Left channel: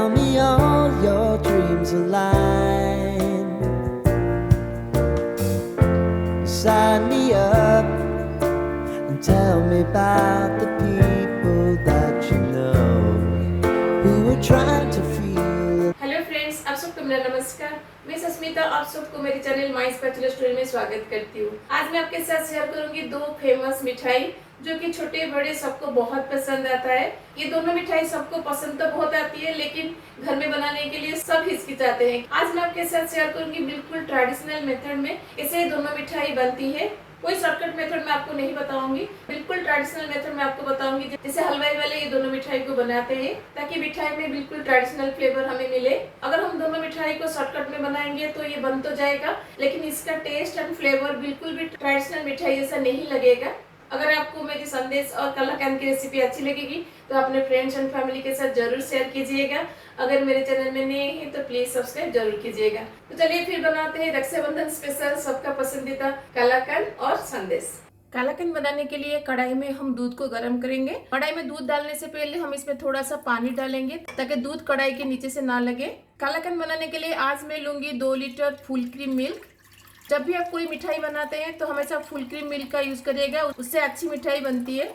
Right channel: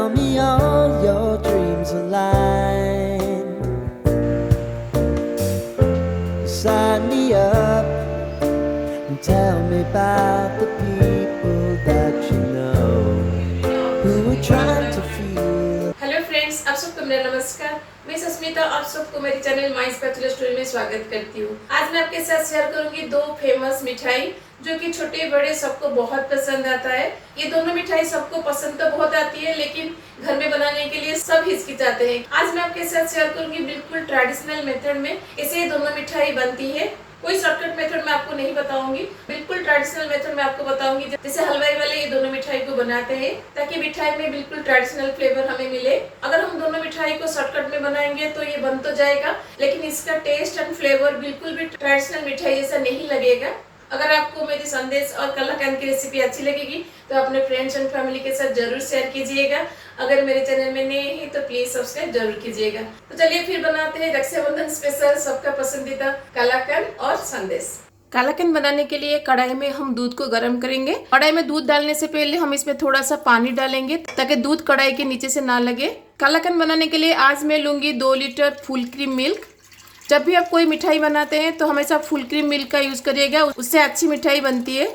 tell me all your dreams align. Sign me up and tell me about the people that you know who are trying to feel. Hello friends, आप सबको मेरा नमस्कार। मैं सुस्मिता आप सबको मेरे channel my special story में स्वागत करती हूँ। आज मैं आपके साथ शेयर करूंगी दो फेमस मिठाई जो कि छोटे बड़े सबको बहुत पसंद आता है। ये दोनों मिठाई सबको पसंद तो बहुत आती है, लेकिन घर में बनाने के लिए सब हिचकिचाते हैं। आज मैं आपके साथ शेयर करूंगी बिल्कुल ट्रेडिशनल मेथड में ऐसे दोनों मिठाई बनती है। कोई शॉर्टकट मेथड मैं आपको नहीं बताऊंगी, बिल्कुल ट्रेडिशनल मेथड मैं आपको बताऊंगी जैसे हलवाई वाले ये दोनों मिठाई को बनाते हैं, ताकि मिठाई में बिल्कुल ट्रेडिशनल फ्लेवर हमें मिले। अगर हम दोनों मिठाई को शॉर्टकट में बनाएंगे तो ये बन तो जाएगा, लेकिन इसका टेस्ट एंड फ्लेवर बिल्कुल भी ट्रेडिशनल मिठाई जैसा नहीं लगेगा। अगर आपको मेरी संदेश और कलाकंद की रेसिपी अच्छी लगेगी तो अपने फ्रेंड्स एंड फैमिली के साथ जरूर शेयर कीजिएगा। अगर मेरे चैनल में नए हैं तो प्लीज सब्सक्राइब जरूर कीजिएगा। तो चलिए फिर बनाते हैं रक्षाबंधन स्पेशल सबका पसंदीदा कलाकंद और संदेश। कलाकंद बनाने के लिए कढ़ाई में हम दूध को गर्म करेंगे। कढ़ाई में दूध डालने से पहले हम इसमें थोड़ा सा पानी डालेंगे ताकि दूध कढ़ाई के नीचे से ना लगे। कलाकंद बनाने के लिए आज मैं लूंगी 2 लीटर फुल क्रीम मिल्क। जब भी आप कोई मिठाई बनाते हैं तो हमेशा फुल क्रीम मिल्क का यूज करिएगा, उससे अच्छी मिठाई बनती है।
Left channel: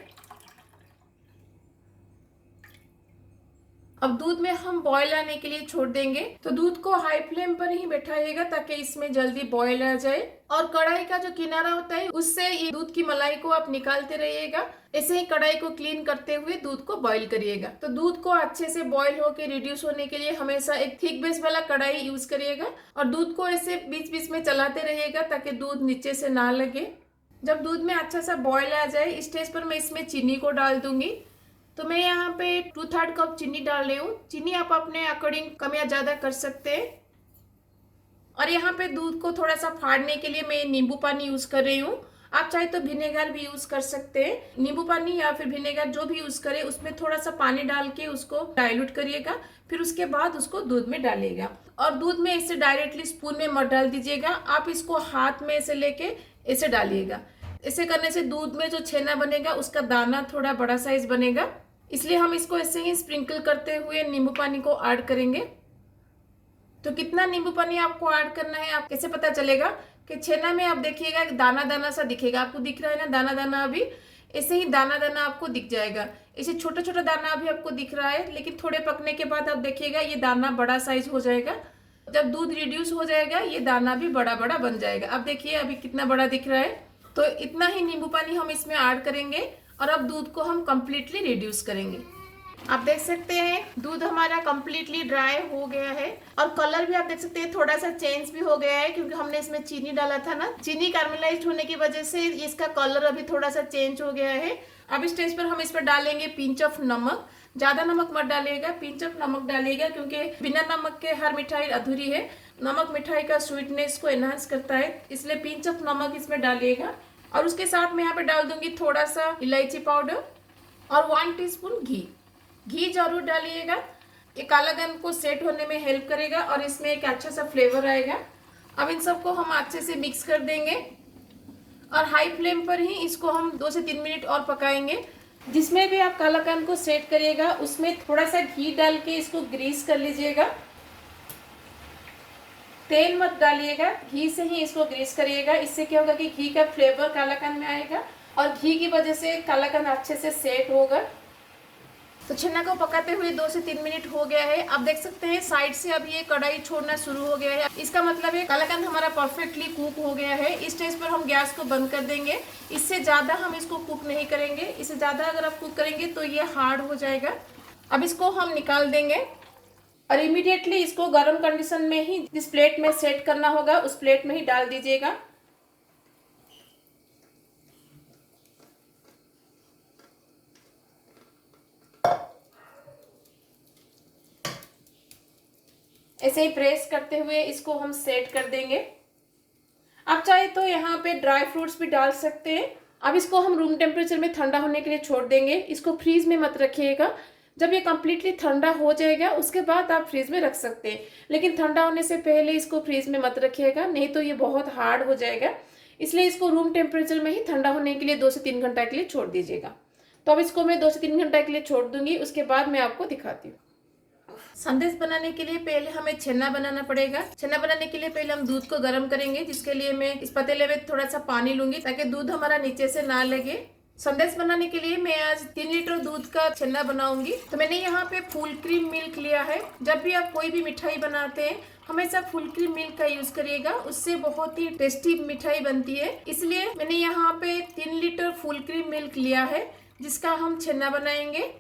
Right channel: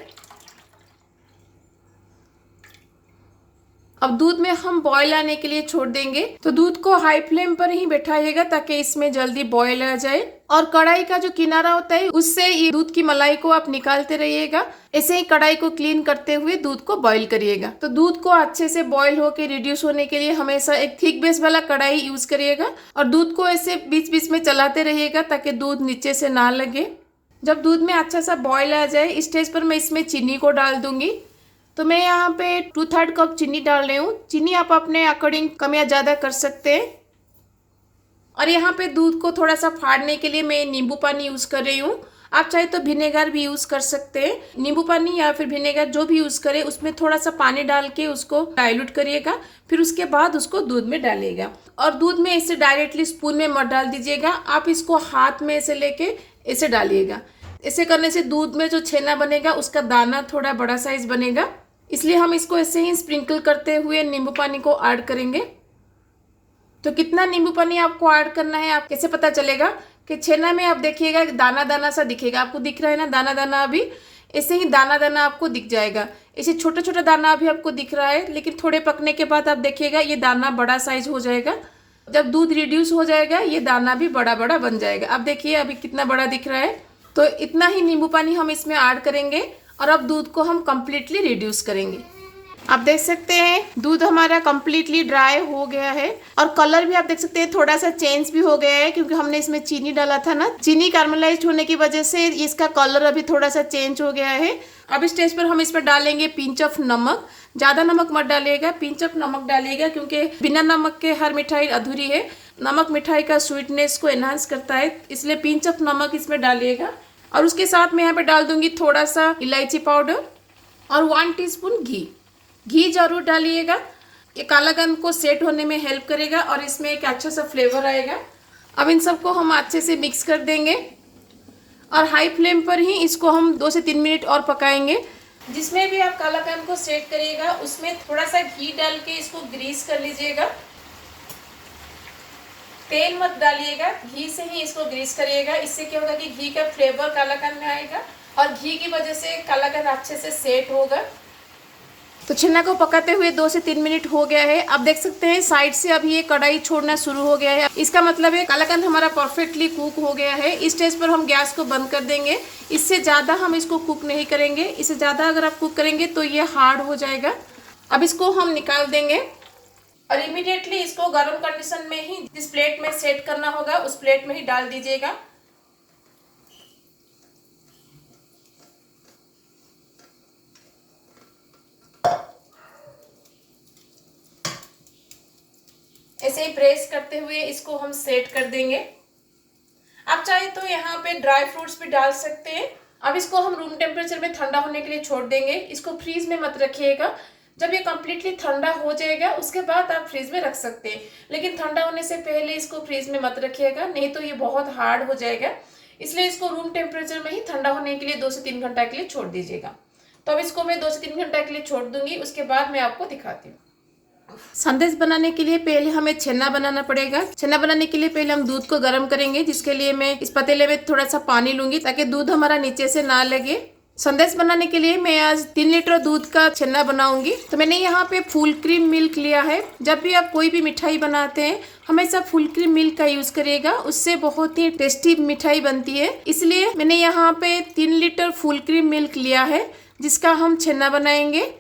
अब दूध में हम बॉयल आने के लिए छोड़ देंगे, तो दूध को हाई फ्लेम पर ही बैठाइएगा ताकि इसमें जल्दी बॉयल आ जाए। और कढ़ाई का जो किनारा होता है उससे ये दूध की मलाई को आप निकालते रहिएगा। ऐसे ही कढ़ाई को क्लीन करते हुए दूध को बॉईल करिएगा। तो दूध को अच्छे से बॉईल होकर रिड्यूस होने के लिए हमेशा एक थिक बेस वाला कढ़ाई यूज करिएगा और दूध को ऐसे बीच बीच में चलाते रहिएगा ताकि दूध नीचे से ना लगे। जब दूध में अच्छा सा बॉयल आ जाए इस स्टेज पर मैं इसमें चीनी को डाल दूंगी। तो मैं यहाँ पे 2/3 कप चीनी डाल रही हूँ। चीनी आप अपने अकॉर्डिंग कम या ज़्यादा कर सकते हैं। और यहाँ पे दूध को थोड़ा सा फाड़ने के लिए मैं नींबू पानी यूज़ कर रही हूँ। आप चाहे तो विनेगर भी यूज़ कर सकते हैं। नींबू पानी या फिर विनेगर जो भी यूज़ करें उसमें थोड़ा सा पानी डाल के उसको डाइल्यूट करिएगा, फिर उसके बाद उसको दूध में डालिएगा। और दूध में इसे डायरेक्टली स्पून में मत डाल दीजिएगा, आप इसको हाथ में ऐसे लेके ऐसे डालिएगा। ऐसे करने से दूध में जो छेना बनेगा उसका दाना थोड़ा बड़ा साइज बनेगा, इसलिए हम इसको ऐसे ही स्प्रिंकल करते हुए नींबू पानी को ऐड करेंगे। तो कितना नींबू पानी आपको ऐड करना है आप कैसे पता चलेगा कि छेना में आप देखिएगा दाना दाना सा दिखेगा, आपको दिख रहा है ना दाना दाना, अभी ऐसे ही दाना दाना आपको दिख जाएगा। ऐसे छोटा छोटा दाना अभी आपको दिख रहा है, लेकिन थोड़े पकने के बाद आप देखिएगा ये दाना बड़ा साइज हो जाएगा। जब दूध रिड्यूस हो जाएगा ये दाना भी बड़ा बड़ा बन जाएगा। अब देखिए अभी कितना बड़ा दिख रहा है। तो इतना ही नींबू पानी हम इसमें ऐड करेंगे और अब दूध को हम कंप्लीटली रिड्यूस करेंगे। आप देख सकते हैं दूध हमारा कंप्लीटली ड्राई हो गया है और कलर भी आप देख सकते हैं थोड़ा सा चेंज भी हो गया है, क्योंकि हमने इसमें चीनी डाला था ना। चीनी कैरमलाइज्ड होने की वजह से इसका कलर अभी थोड़ा सा चेंज हो गया है। अब इस स्टेज पर हम इसमें डालेंगे पिंच ऑफ नमक। ज्यादा नमक मत डालिएगा, पिंच ऑफ नमक डालिएगा, क्योंकि बिना नमक के हर मिठाई अधूरी है। नमक मिठाई का स्वीटनेस को एनहांस करता है, इसलिए पिंच ऑफ नमक इसमें डालिएगा। और उसके साथ मैं यहाँ पे डाल दूंगी थोड़ा सा इलायची पाउडर और 1 टीस्पून घी। घी जरूर डालिएगा, ये कालाकंद को सेट होने में हेल्प करेगा और इसमें एक अच्छा सा फ्लेवर आएगा। अब इन सबको हम अच्छे से मिक्स कर देंगे और हाई फ्लेम पर ही इसको हम 2 से 3 मिनट और पकाएंगे। जिसमें भी आप कालाकंद को सेट करिएगा उसमें थोड़ा सा घी डाल के इसको ग्रीस कर लीजिएगा। तेल मत डालिएगा, घी से ही इसको ग्रीस करिएगा। इससे क्या होगा कि घी का फ्लेवर कालाकंद में आएगा और घी की वजह से कालाकंद अच्छे से सेट होगा। तो छेना को पकाते हुए 2 से 3 मिनट हो गया है। आप देख सकते हैं साइड से अभी ये कढ़ाई छोड़ना शुरू हो गया है। इसका मतलब है कालाकंद हमारा परफेक्टली कुक हो गया है। इस स्टेज पर हम गैस को बंद कर देंगे। इससे ज़्यादा हम इसको कुक नहीं करेंगे, इससे ज़्यादा अगर आप कुक करेंगे तो ये हार्ड हो जाएगा। अब इसको हम निकाल देंगे और इमीडिएटली इसको गर्म कंडीशन में ही जिस प्लेट में सेट करना होगा उस प्लेट में ही डाल दीजिएगा। ऐसे ही प्रेस करते हुए इसको हम सेट कर देंगे। आप चाहे तो यहाँ पे ड्राई फ्रूट्स भी डाल सकते हैं। अब इसको हम रूम टेम्परेचर में ठंडा होने के लिए छोड़ देंगे। इसको फ्रीज में मत रखिएगा, जब ये कम्प्लीटली ठंडा हो जाएगा उसके बाद आप फ्रीज में रख सकते हैं, लेकिन ठंडा होने से पहले इसको फ्रीज में मत रखिएगा, नहीं तो ये बहुत हार्ड हो जाएगा। इसलिए इसको रूम टेम्परेचर में ही ठंडा होने के लिए 2 से 3 घंटा के लिए छोड़ दीजिएगा। तो अब इसको मैं 2 से 3 घंटा के लिए छोड़ दूंगी, उसके बाद मैं आपको दिखाती हूँ। संदेश बनाने के लिए पहले हमें छेना बनाना पड़ेगा। छेना बनाने के लिए पहले हम दूध को गर्म करेंगे, जिसके लिए मैं इस पतीले में थोड़ा सा पानी लूंगी ताकि दूध हमारा नीचे से ना लगे। संदेश बनाने के लिए मैं आज 3 लीटर दूध का छेना बनाऊंगी। तो मैंने यहाँ पे फुल क्रीम मिल्क लिया है। जब भी आप कोई भी मिठाई बनाते हैं हमेशा फुल क्रीम मिल्क का यूज करिएगा, उससे बहुत ही टेस्टी मिठाई बनती है। इसलिए मैंने यहाँ पे 3 लीटर फुल क्रीम मिल्क लिया है, जिसका हम छेना बनाएंगे।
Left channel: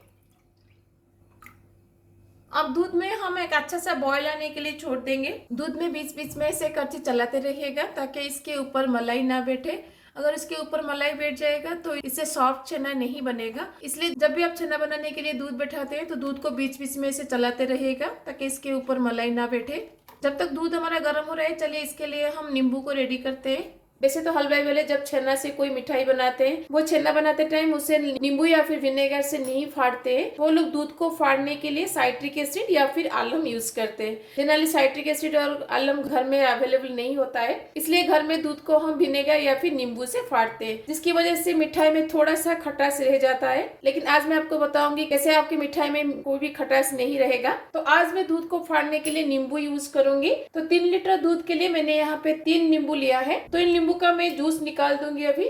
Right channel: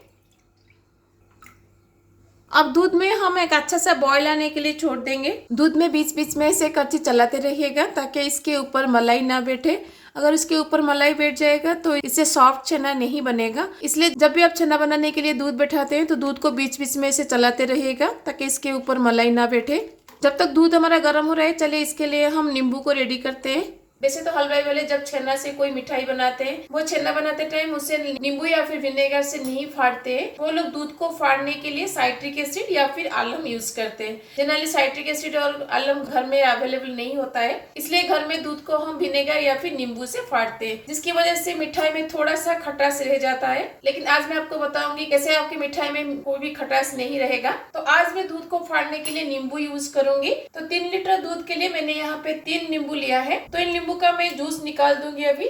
अब दूध में हम एक अच्छा सा बॉयल आने के लिए छोड़ देंगे। दूध में बीच बीच में ऐसे करछी चलाते रहिएगा ताकि इसके ऊपर मलाई ना बैठे। अगर इसके ऊपर मलाई बैठ जाएगा तो इससे सॉफ्ट छेना नहीं बनेगा। इसलिए जब भी आप छेना बनाने के लिए दूध बैठाते हैं तो दूध को बीच बीच में ऐसे चलाते रहिएगा ताकि इसके ऊपर मलाई ना बैठे। जब तक दूध हमारा गर्म हो रहा है, चलिए इसके लिए हम नींबू को रेडी करते हैं। वैसे तो हलवाई वाले जब छेना से कोई मिठाई बनाते हैं, वो छेना बनाते टाइम उसे नींबू या फिर विनेगर से नहीं फाड़ते हैं। वो लोग दूध को फाड़ने के लिए साइट्रिक एसिड या फिर आलम यूज करते हैं। जनरली साइट्रिक एसिड और आलम घर में अवेलेबल नहीं होता है, इसलिए घर में दूध को हम विनेगर या फिर नींबू से फाड़ते हैं, जिसकी वजह से मिठाई में थोड़ा सा खटास रह जाता है। लेकिन आज मैं आपको बताऊंगी कैसे आपकी मिठाई में कोई भी खटास नहीं रहेगा। तो आज मैं दूध को फाड़ने के लिए नींबू यूज करूंगी। तो 3 लीटर दूध के लिए मैंने यहाँ पे 3 नींबू लिया है। तो इन नींबू का मैं जूस निकाल दूंगी अभी।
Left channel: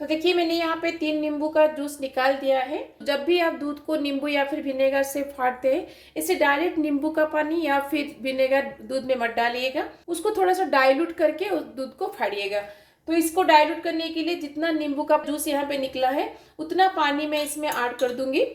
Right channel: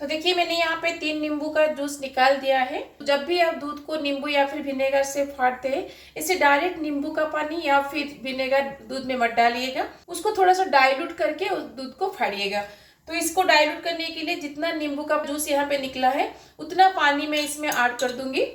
तो देखिए मैंने यहाँ पे 3 नींबू का जूस निकाल दिया है। जब भी आप दूध को नींबू या फिर विनेगर से फाड़ते हैं, इसे डायरेक्ट नींबू का पानी या फिर विनेगर दूध में मत डालिएगा, उसको थोड़ा सा डाइल्यूट करके उस दूध को फाड़िएगा। तो इसको डाइल्यूट करने के लिए जितना नींबू का जूस यहाँ पे निकला है उतना पानी मैं इसमें ऐड कर दूंगी।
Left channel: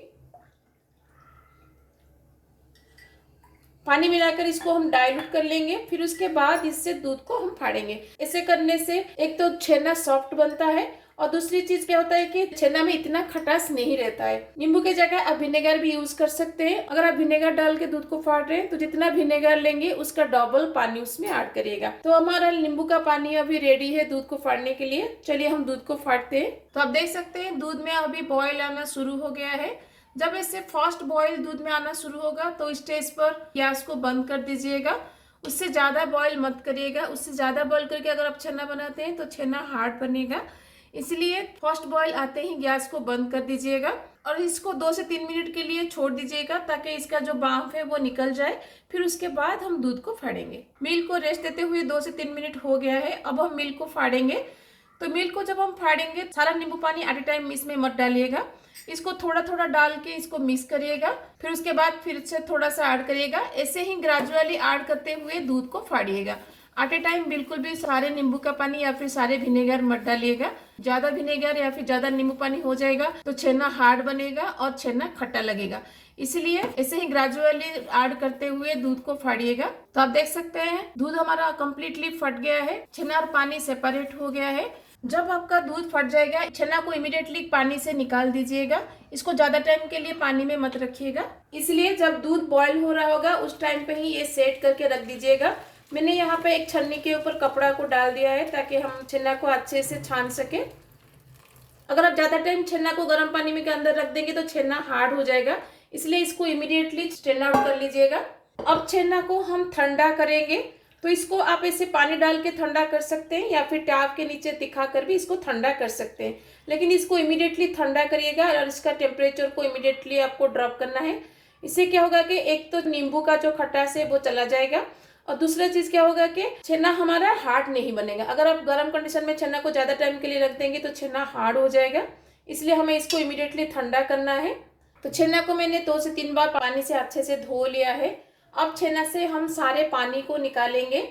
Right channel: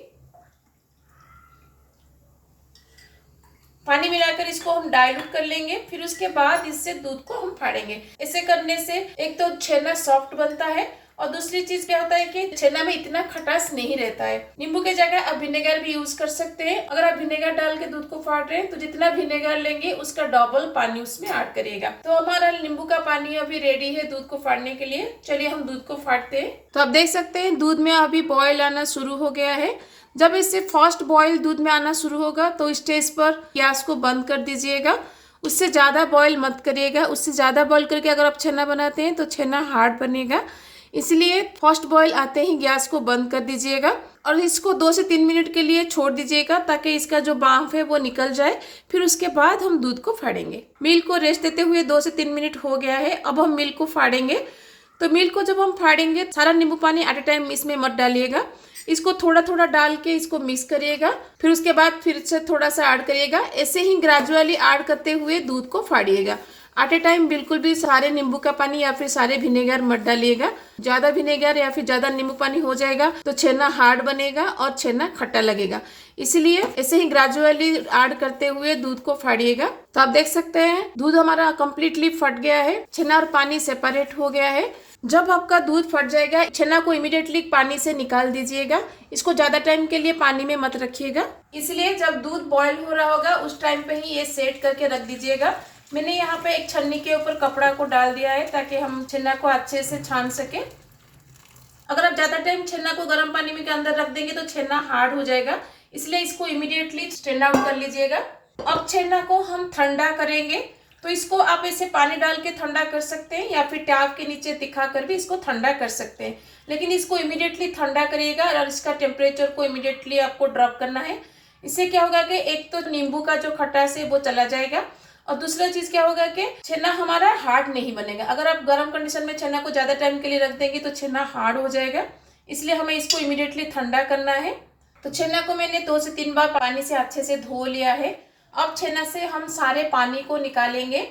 पानी मिलाकर इसको हम डाइल्यूट कर लेंगे, फिर उसके बाद इससे दूध को हम फाड़ेंगे। ऐसे करने से एक तो छेना सॉफ्ट बनता है और दूसरी चीज क्या होता है कि छेना में इतना खटास नहीं रहता है। नींबू के जगह आप विनेगर भी यूज कर सकते हैं। अगर आप विनेगर डाल के दूध को फाड़ रहे हैं तो जितना विनेगर लेंगे उसका डबल पानी उसमें ऐड करिएगा। तो हमारा नींबू का पानी अभी रेडी है दूध को फाड़ने के लिए। चलिए हम दूध को फाड़ते हैं। तो आप देख सकते हैं दूध में अभी बॉयल आना शुरू हो गया है। जब इससे फर्स्ट बॉयल दूध में आना शुरू होगा तो स्टेज पर गैस को बंद कर दीजिएगा। उससे ज़्यादा बॉयल मत करिएगा। उससे ज़्यादा बॉयल करके अगर आप छेना बनाते हैं तो छेना हार्ड बनेगा। इसलिए फर्स्ट बॉयल आते ही गैस को बंद कर दीजिएगा और इसको 2 से 3 मिनट के लिए छोड़ दीजिएगा ताकि इसका जो भाप है वो निकल जाए। फिर उसके बाद हम दूध को फाड़ेंगे। मिल्क को रेस्ट देते हुए 2 से 3 मिनट हो गया है। अब हम मिल्क को फाड़ेंगे। तो मिल्क को जब हम फाड़ेंगे सारा नींबू पानी एट ए टाइम इसमें मत डालिएगा। इसको थोड़ा थोड़ा डाल के इसको मिक्स करिएगा। फिर उसके बाद फिर से थोड़ा सा ऐड करिएगा। ऐसे ही ग्रेजुअली ऐड करते हुए दूध को फाड़िएगा। एट ए टाइम बिल्कुल भी सारे नींबू का पानी या फिर सारे विनेगर मत डालिएगा। ज्यादा विनेगर या फिर ज्यादा नींबू पानी हो जाएगा तो छेना हार्ड बनेगा और छेना खट्टा लगेगा। इसलिए ऐसे ही ग्रेजुअली ऐड करते हुए दूध को फाड़िएगा। तो आप देख सकते हैं दूध हमारा कंप्लीटली फट गया है। छेना और पानी सेपरेट हो गया है। जब आपका दूध फट जाएगा छेना को इमीडिएटली पानी से निकाल दीजिएगा। इसको ज्यादा टाइम के लिए पानी में मत रखिएगा। इसलिए जब दूध बॉयल हो रहा होगा उस टाइम पे ही ये सेट करके रख दीजिएगा। मैंने यहाँ पे एक छन्नी के ऊपर कपड़ा को डाल दिया है ताकि हम छेना को अच्छे से छान सके। अगर आप ज्यादा टाइम छेना को गर्म पानी में के अंदर रख देंगे तो छेना हार्ड हो जाएगा। इसलिए इसको इमीडिएटली स्ट्रेन आउट कर लीजिएगा। अब छेना को हम ठंडा करेंगे। तो इसको आप ऐसे पानी डाल के ठंडा कर सकते हैं या फिर टैप के नीचे दिखा कर भी इसको ठंडा कर सकते हैं। लेकिन इसको इमीडिएटली ठंडा करिएगा और इसका टेम्परेचर को इमीडिएटली आपको ड्रॉप करना है। इससे क्या होगा कि एक तो नींबू का जो खटास है वो चला जाएगा और दूसरा चीज क्या होगा कि छेना हमारा हार्ड नहीं बनेगा। अगर आप गर्म कंडीशन में छेना को ज्यादा टाइम के लिए रख देंगे तो छेना हार्ड हो जाएगा। इसलिए हमें इसको इमीडिएटली ठंडा करना है। तो छेना को मैंने 2 से 3 बार पानी से अच्छे से धो लिया है। अब छेना से हम सारे पानी को निकालेंगे।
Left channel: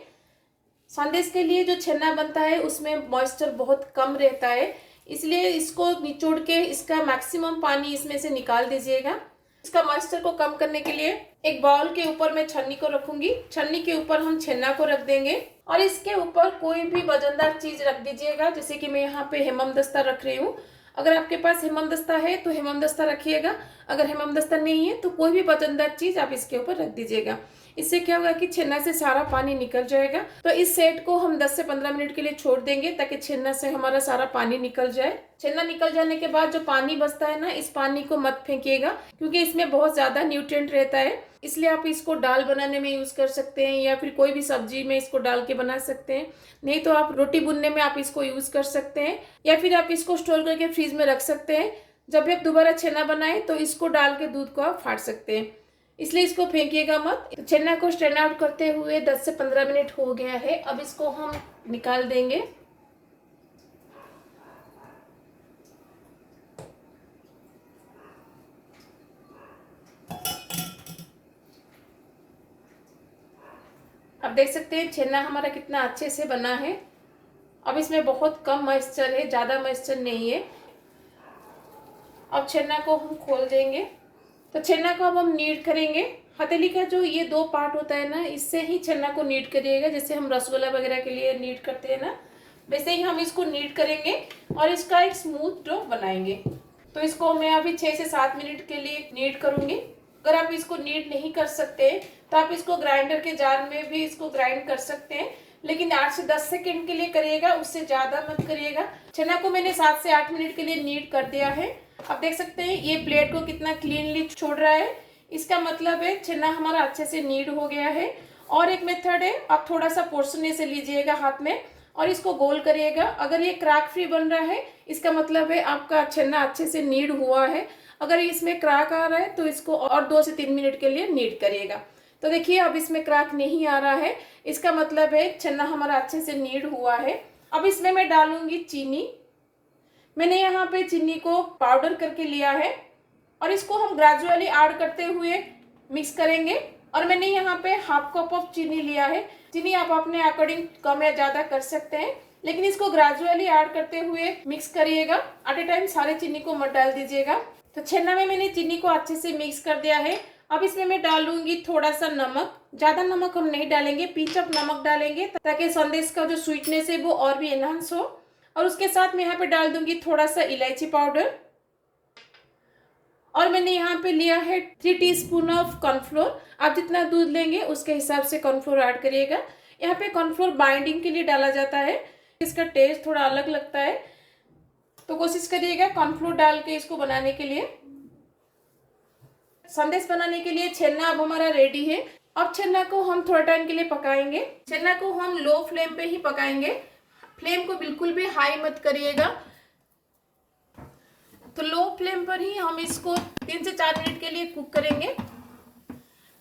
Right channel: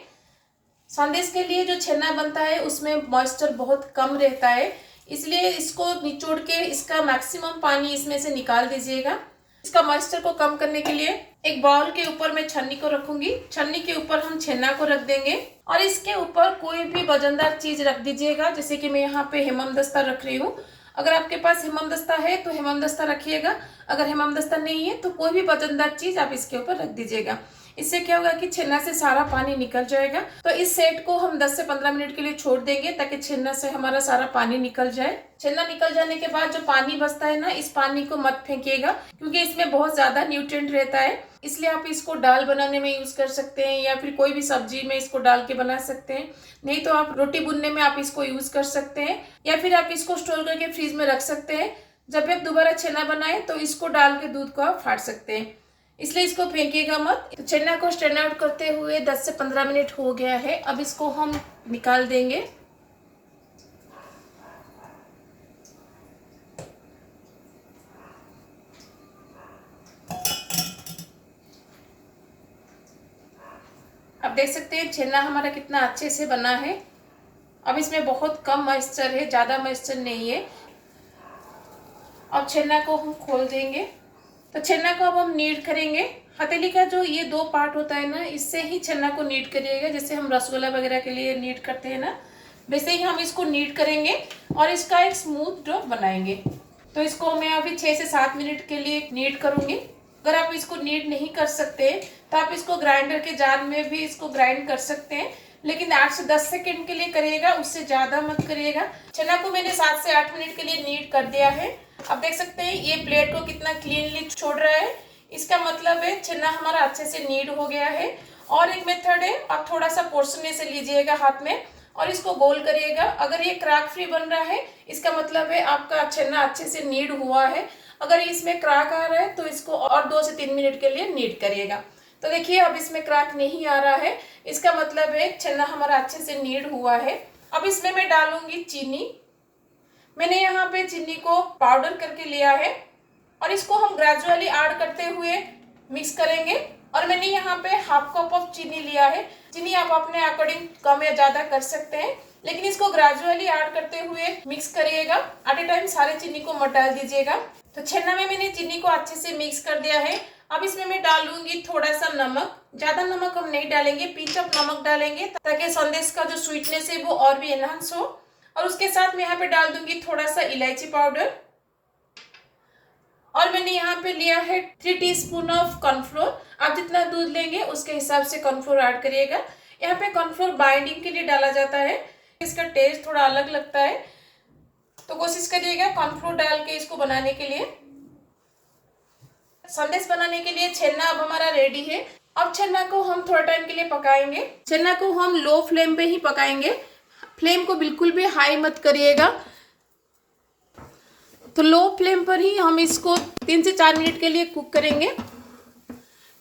संदेश के लिए जो छेना बनता है उसमें मॉइस्चर बहुत कम रहता है, इसलिए इसको निचोड़ के इसका मैक्सिमम पानी इसमें से निकाल दीजिएगा। इसका मॉइस्चर को कम करने के लिए एक बाउल के ऊपर मैं छन्नी को रखूंगी। छन्नी के ऊपर हम छेना को रख देंगे और इसके ऊपर कोई भी वजनदार चीज रख दीजिएगा। जैसे कि मैं यहाँ पे हेममदस्ता रख रही हूँ। अगर आपके पास हेममदस्ता है तो हेममदस्ता रखिएगा। अगर हेममदस्ता नहीं है तो कोई भी वजनदार चीज आप इसके ऊपर रख दीजिएगा। इससे क्या होगा कि छेना से सारा पानी निकल जाएगा। तो इस सेट को हम 10 से 15 मिनट के लिए छोड़ देंगे ताकि छेना से हमारा सारा पानी निकल जाए। छेना निकल जाने के बाद जो पानी बचता है ना, इस पानी को मत फेंकिएगा क्योंकि इसमें बहुत ज्यादा न्यूट्रिएंट रहता है। इसलिए आप इसको दाल बनाने में यूज कर सकते हैं या फिर कोई भी सब्जी में इसको डाल के बना सकते हैं। नहीं तो आप रोटी बुनने में आप इसको यूज कर सकते हैं या फिर आप इसको स्टोर करके फ्रीज में रख सकते हैं। जब भी आप दोबारा छेना बनाएं तो इसको डाल के दूध को आप फाड़ सकते हैं, इसलिए इसको फेंकिएगा मत। तो छेना को स्ट्रेन आउट करते हुए 10 से 15 मिनट हो गया है। अब इसको हम निकाल देंगे। अब देख सकते हैं छेना हमारा कितना अच्छे से बना है। अब इसमें बहुत कम मॉइस्चर है, ज़्यादा मॉइस्चर नहीं है। अब छेना को हम खोल देंगे। तो छेना को अब हम नीड करेंगे। हथेली का जो ये दो पार्ट होता है ना, इससे ही छेना को नीड करिएगा। जैसे हम रसगुल्ला वगैरह के लिए नीड करते हैं ना, वैसे ही हम इसको नीड करेंगे और इसका एक स्मूथ डो बनाएंगे। तो इसको मैं अभी 6 से 7 मिनट के लिए नीड करूंगी। अगर आप इसको नीड नहीं कर सकते तो आप इसको ग्राइंडर के जार में भी इसको ग्राइंड कर सकते हैं, लेकिन 8 से 10 सेकेंड के लिए करिएगा, उससे ज़्यादा मत करिएगा। चना को मैंने 7 से 8 मिनट के लिए नीड कर दिया है। अब देख सकते हैं ये प्लेट को कितना क्लीनली छोड़ रहा है। इसका मतलब है चना हमारा अच्छे से नीड हो गया है। और एक मेथड है, आप थोड़ा सा पोर्शन ऐसे लीजिएगा हाथ में और इसको गोल करिएगा। अगर ये क्रैक फ्री बन रहा है, इसका मतलब है आपका छेना अच्छे से नीड हुआ है। अगर इसमें क्रैक आ रहा है तो इसको और 2 से 3 मिनट के लिए नीड करिएगा। तो देखिए अब इसमें क्रैक नहीं आ रहा है, इसका मतलब है छेना हमारा अच्छे से नीड हुआ है। अब इसमें मैं डालूंगी चीनी। मैंने यहाँ पे चीनी को पाउडर करके लिया है और इसको हम ग्रेजुअली ऐड करते हुए मिक्स करेंगे। और मैंने यहाँ पे हाफ कप ऑफ चीनी लिया है। चीनी आप अपने अकॉर्डिंग कम या ज़्यादा कर सकते हैं, लेकिन इसको ग्रेजुअली ऐड करते हुए मिक्स करिएगा। एट ए टाइम सारे चीनी को मत डाल दीजिएगा। तो छेना में मैंने चीनी को अच्छे से मिक्स कर दिया है। अब इसमें मैं डालूंगी थोड़ा सा नमक। ज़्यादा नमक हम नहीं डालेंगे, पिंच ऑफ नमक डालेंगे ताकि संदेश का जो स्वीटनेस है वो और भी एनहांस हो। और उसके साथ मैं यहाँ पे डाल दूंगी थोड़ा सा इलायची पाउडर। और मैंने यहाँ पे लिया है 3 टीस्पून ऑफ कॉर्नफ्लोर। आप जितना दूध लेंगे उसके हिसाब से कॉर्नफ्लोर ऐड करिएगा। यहाँ पे कॉर्नफ्लोर बाइंडिंग के लिए डाला जाता है, इसका टेस्ट थोड़ा अलग लगता है, तो कोशिश करिएगा कॉर्नफ्लोर डाल के इसको बनाने के लिए। संदेश बनाने के लिए छेना अब हमारा रेडी है। अब छेना को हम थोड़ा टाइम के लिए पकाएंगे। छेना को हम लो फ्लेम पे ही पकाएंगे, फ्लेम को बिल्कुल भी हाई मत करिएगा। तो लो फ्लेम पर ही हम इसको 3 से 4 मिनट के लिए कुक करेंगे।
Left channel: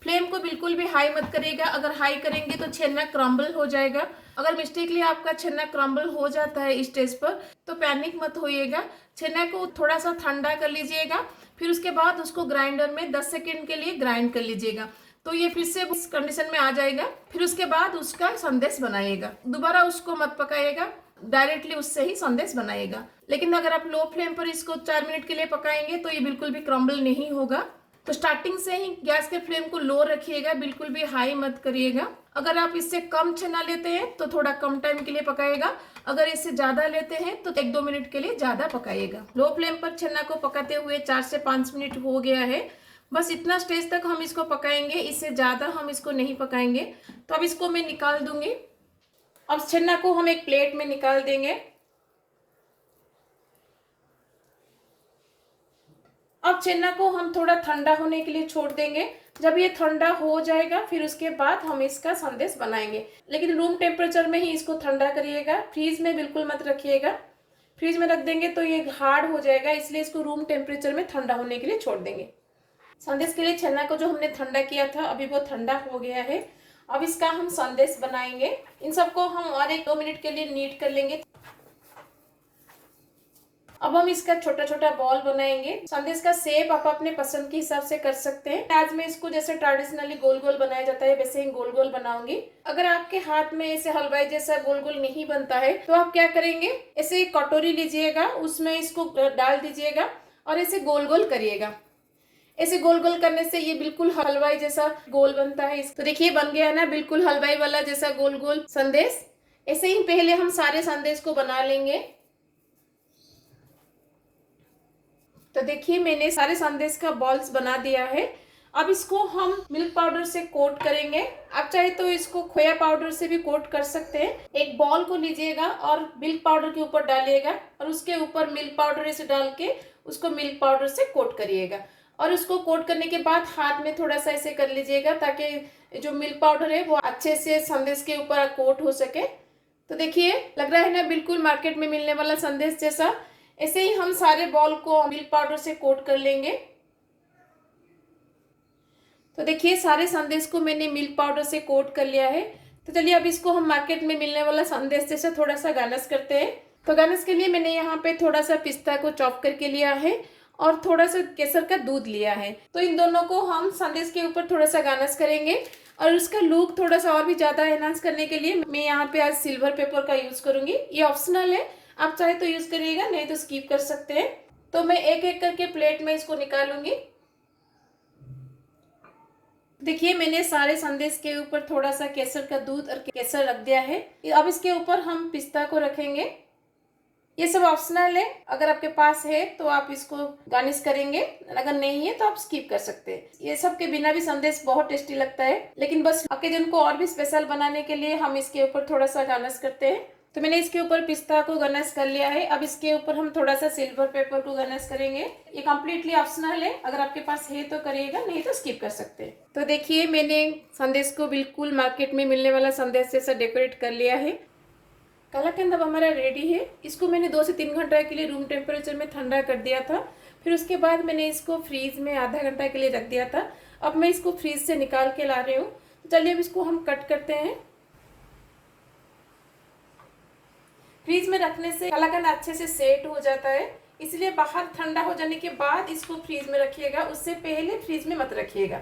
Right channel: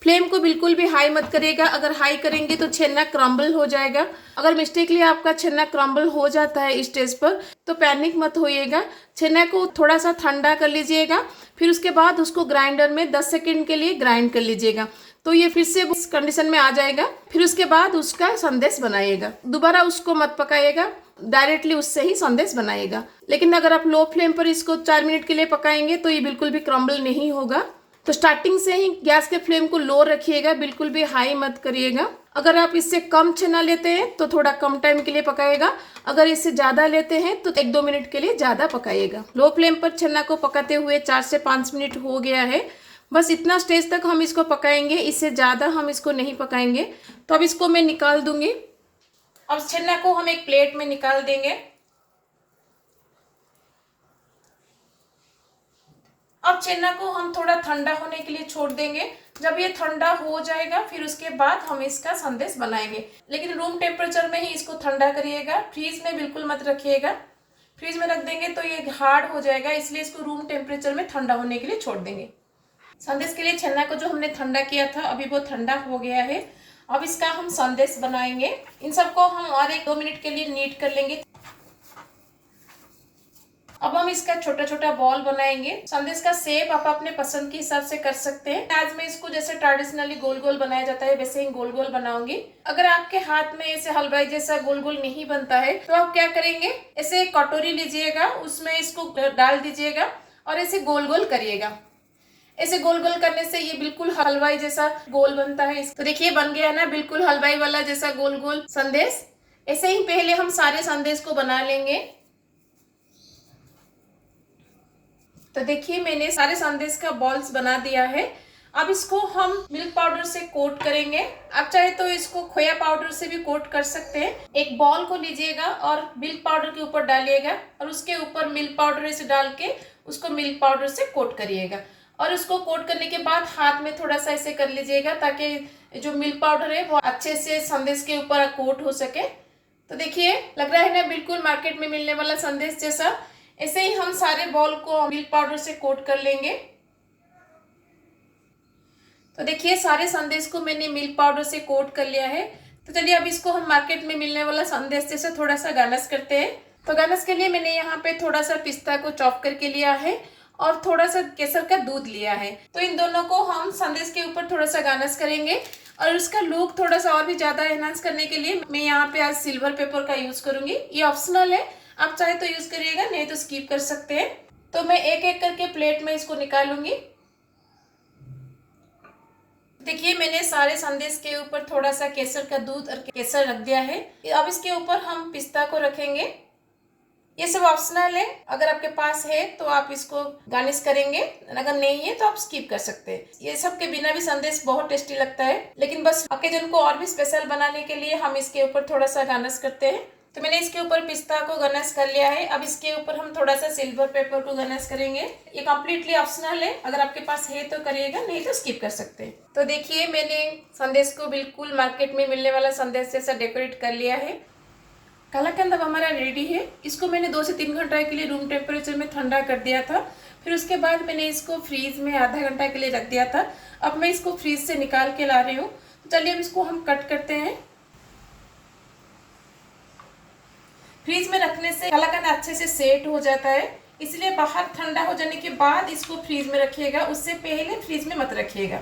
फ्लेम को बिल्कुल भी हाई मत करिएगा, अगर हाई करेंगे तो छेना क्रम्बल हो जाएगा। अगर मिस्टेकली आपका छेना क्रम्बल हो जाता है इस स्टेज पर तो पैनिक मत होइएगा। छेना को थोड़ा सा ठंडा कर लीजिएगा, फिर उसके बाद उसको ग्राइंडर में 10 सेकंड के लिए ग्राइंड कर लीजिएगा, तो ये फिर से उस कंडीशन में आ जाएगा। फिर उसके बाद उसका संदेश बनाइएगा। दोबारा उसको मत पकाइएगा, डायरेक्टली उससे ही संदेश बनाइएगा। लेकिन अगर आप लो फ्लेम पर इसको 4 मिनट के लिए पकाएंगे तो ये बिल्कुल भी क्रम्बल नहीं होगा। तो स्टार्टिंग से ही गैस के फ्लेम को लो रखिएगा, बिल्कुल भी हाई मत करिएगा। अगर आप इससे कम छेना लेते हैं तो थोड़ा कम टाइम के लिए पकाइएगा, अगर इससे ज़्यादा लेते हैं तो 1-2 मिनट के लिए ज़्यादा पकाइएगा। लो फ्लेम पर छेना को पकाते हुए 4 से 5 मिनट हो गया है। बस इतना स्टेज तक हम इसको पकाएंगे, इससे ज़्यादा हम इसको नहीं पकाएंगे। तो अब इसको मैं निकाल दूंगी। अब छेना को हम एक प्लेट में निकाल देंगे। अब छेना को हम थोड़ा ठंडा होने के लिए छोड़ देंगे। जब ये ठंडा हो जाएगा फिर उसके बाद हम इसका संदेश बनाएंगे, लेकिन रूम टेम्परेचर में ही इसको ठंडा करिएगा, फ्रीज में बिल्कुल मत रखिएगा। फ्रीज में रख देंगे तो ये हार्ड हो जाएगा, इसलिए इसको रूम टेम्परेचर में ठंडा होने के लिए छोड़ देंगे। संदेश के लिए छेना को जो हमने ठंडा किया था अभी वो ठंडा हो गया है। अब इसका हम संदेश बनाएंगे। इन सबको हम और 1-2 मिनट के लिए नीट कर लेंगे। अब हम इसका छोटा छोटा बॉल बनाएंगे। संदेश का शेप आप अपने पसंद के हिसाब से कर सकते हैं। आज मैं इसको जैसे ट्रेडिशनली गोल गोल बनाया जाता है वैसे ही गोल गोल बनाऊंगी। अगर आपके हाथ में ऐसे हलवाई जैसा गोल गोल नहीं बनता है तो आप क्या करेंगे, ऐसे एक कटोरी लीजिएगा, उसमें इसको डाल दीजिएगा और ऐसे गोल गोल करिएगा। ऐसे गोल गोल करने से ये बिल्कुल हलवाई जैसा गोल बनता है। तो देखिए बन गया है ना, बिल्कुल हलवाई वाला जैसा गोल गोल संदेश। ऐसे ही पहले हम सारे संदेश को बना लेंगे। तो देखिए मैंने सारे संदेश का बॉल्स बना दिया है। अब इसको हम मिल्क पाउडर से कोट करेंगे। आप चाहे तो इसको खोया पाउडर से भी कोट कर सकते हैं। एक बॉल को लीजिएगा और मिल्क पाउडर के ऊपर डालिएगा और उसके ऊपर मिल्क पाउडर से डाल के उसको मिल्क पाउडर से कोट करिएगा। और उसको कोट करने के बाद हाथ में थोड़ा सा ऐसे कर लीजिएगा ताकि जो मिल्क पाउडर है वो अच्छे से संदेश के ऊपर कोट हो सके। तो देखिए लग रहा है ना बिल्कुल मार्केट में मिलने वाला संदेश जैसा। ऐसे ही हम सारे बॉल को मिल्क पाउडर से कोट कर लेंगे। तो देखिए सारे संदेश को मैंने मिल्क पाउडर से कोट कर लिया है। तो चलिए अब इसको हम मार्केट में मिलने वाला संदेश जैसा थोड़ा सा गार्निश करते हैं। तो गार्निश के लिए मैंने यहाँ पे थोड़ा सा पिस्ता को चॉप करके लिया है और थोड़ा सा केसर का दूध लिया है। तो इन दोनों को हम संदेश के ऊपर थोड़ा सा गार्निश करेंगे और उसका लुक थोड़ा सा और भी ज्यादा एनहांस करने के लिए मैं यहाँ पे आज सिल्वर पेपर का यूज करूंगी। ये ऑप्शनल है, आप चाहे तो यूज करिएगा, नहीं तो स्किप कर सकते हैं। तो मैं एक एक करके प्लेट में इसको निकालूंगी। देखिए मैंने सारे संदेश के ऊपर थोड़ा सा केसर का दूध और केसर रख दिया है। अब इसके ऊपर हम पिस्ता को रखेंगे। ये सब ऑप्शनल है, अगर आपके पास है तो आप इसको गार्निश करेंगे, अगर नहीं है तो आप स्किप कर सकते हैं। ये सब के बिना भी संदेश बहुत टेस्टी लगता है, लेकिन बस ओकेजन को और भी स्पेशल बनाने के लिए हम इसके ऊपर थोड़ा सा गार्निश करते हैं। तो मैंने इसके ऊपर पिस्ता को गार्निश कर लिया है। अब इसके ऊपर हम थोड़ा सा सिल्वर पेपर को गार्निश करेंगे। ये कम्प्लीटली ऑप्शनल है, अगर आपके पास है तो करिएगा, नहीं तो स्किप कर सकते हैं। तो देखिए मैंने संदेश को बिल्कुल मार्केट में मिलने वाला संदेश जैसा डेकोरेट कर लिया है। कलाकंद अब हमारा रेडी है। इसको मैंने 2 से 3 घंटा के लिए रूम टेम्परेचर में ठंडा कर दिया था। फिर उसके बाद मैंने इसको फ्रीज में आधा घंटा के लिए रख दिया था। अब मैं इसको फ्रीज से निकाल के ला रही हूँ। तो चलिए अब इसको हम कट करते हैं। फ्रीज में रखने से कलाकंद अच्छे से सेट हो जाता है, इसलिए बाहर ठंडा हो जाने के बाद इसको फ्रीज में रखिएगा, उससे पहले फ्रीज में मत रखिएगा।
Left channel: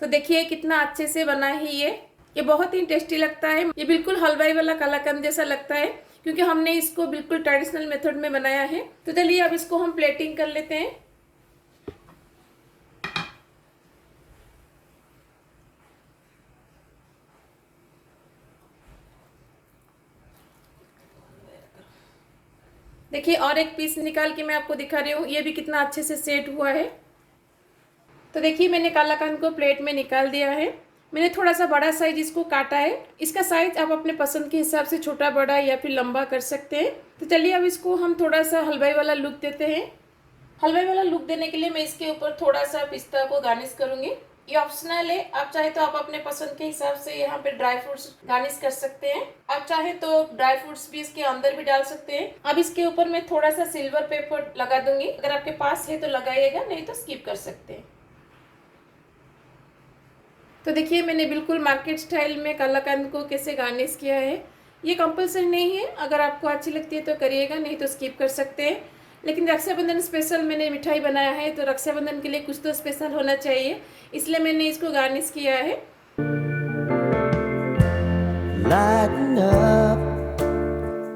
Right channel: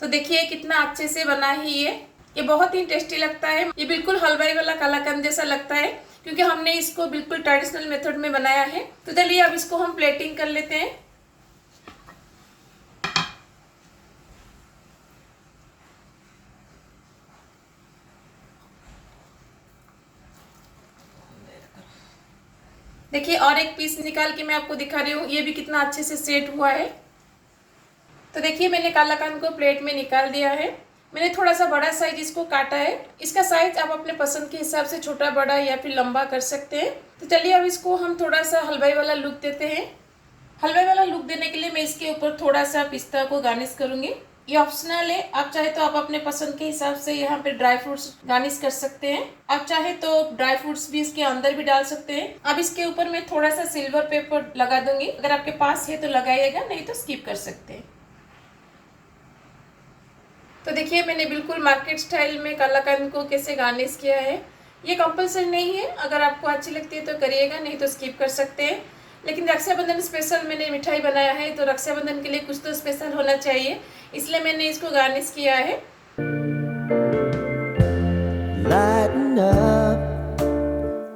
तो देखिए कितना अच्छे से बना है ये बहुत ही टेस्टी लगता है। ये बिल्कुल हलवाई वाला कलाकंद जैसा लगता है, क्योंकि हमने इसको बिल्कुल ट्रेडिशनल मेथड में बनाया है। तो चलिए अब इसको हम प्लेटिंग कर लेते हैं। देखिए और एक पीस निकाल के मैं आपको दिखा रही हूँ, ये भी कितना अच्छे से सेट हुआ है। तो देखिए मैंने कलाकंद को प्लेट में निकाल दिया है। मैंने थोड़ा सा बड़ा साइज इसको काटा है। इसका साइज आप अपने पसंद के हिसाब से छोटा बड़ा या फिर लंबा कर सकते हैं। तो चलिए अब इसको हम थोड़ा सा हलवाई वाला लुक देते हैं। हलवाई वाला लुक देने के लिए मैं इसके ऊपर थोड़ा सा पिस्ता को गार्निश करूंगी। ये ऑप्शनल है, आप चाहे तो आप अपने पसंद के हिसाब से यहाँ पे ड्राई फ्रूट्स गार्निश कर सकते हैं। आप चाहे तो ड्राई फ्रूट्स भी इसके अंदर भी डाल सकते हैं। अब इसके ऊपर मैं थोड़ा सा सिल्वर पेपर लगा दूंगी, अगर आपके पास है तो लगाइएगा, नहीं तो स्किप कर सकते हैं। तो देखिए मैंने बिल्कुल मार्केट स्टाइल में कलाकंद को कैसे गार्निश किया है। ये कंपल्सरी नहीं है, अगर आपको अच्छी लगती है तो करिएगा, नहीं तो स्किप कर सकते हैं। लेकिन रक्षाबंधन स्पेशल मैंने मिठाई बनाया है, तो रक्षाबंधन के लिए कुछ तो स्पेशल होना चाहिए, इसलिए मैंने इसको गार्निश किया है। Lighten up,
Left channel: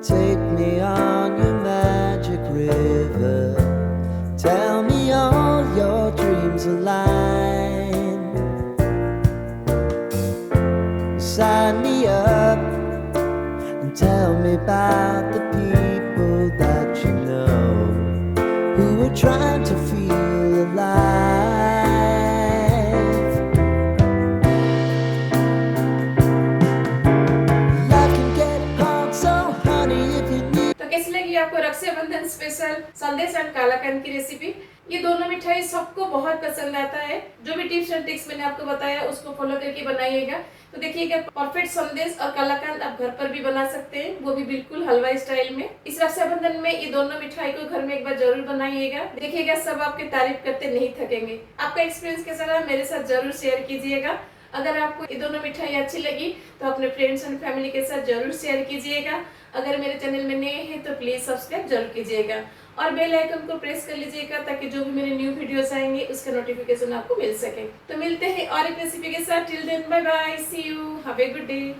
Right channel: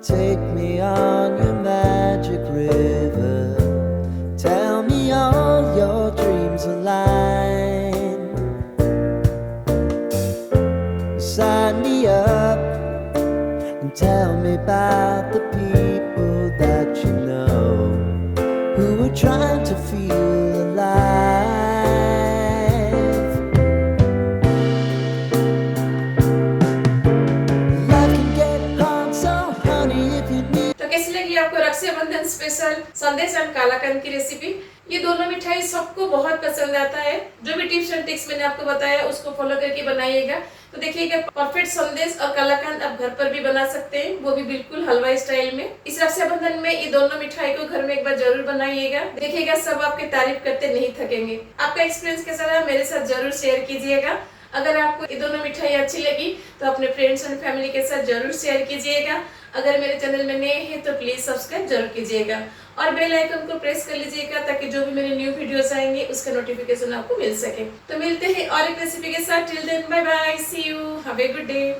take me on your magic river. Tell me all your dreams align. Sign me up and tell me about the people that you know who are trying to feel alive. Life can get hard, so honey, if you need. तो कैसी लगी आपको Rakshabandhan special संदेश and कलाकंद की recipe? ये दोनों मिठाई सबको बहुत पसंद आता है। जो भी टिप्स एंड ट्रिक्स मैंने आपको बताया उसको फॉलो करके बनाइएगा, तो देखिएगा परफेक्ट संदेश और कलाकंद आप घर पर भी बना सकते हैं, वो भी बिल्कुल हलवाई स्टाइल में। इस रक्षाबंधन में ये दोनों मिठाई को घर में एक बार जरूर बनाइएगा, देखिएगा सब आपकी तारीफ करते नहीं थकेंगे। आपका एक्सपीरियंस कैसा रहा मेरे साथ जरूर शेयर कीजिएगा। अगर आपको ये दोनों मिठाई अच्छी लगी तो अपने फ्रेंड्स एंड फैमिली के साथ जरूर शेयर कीजिएगा। अगर मेरे चैनल में नए हैं तो प्लीज सब्सक्राइब जरूर कीजिएगा और बेल आइकन को प्रेस कर लीजिएगा, ताकि जो भी मेरे न्यू वीडियोस आएंगे उसका नोटिफिकेशन आपको मिल सके। तो मिलते हैं और एक रेसिपी के साथ। Till then bye bye, see you, have a good day.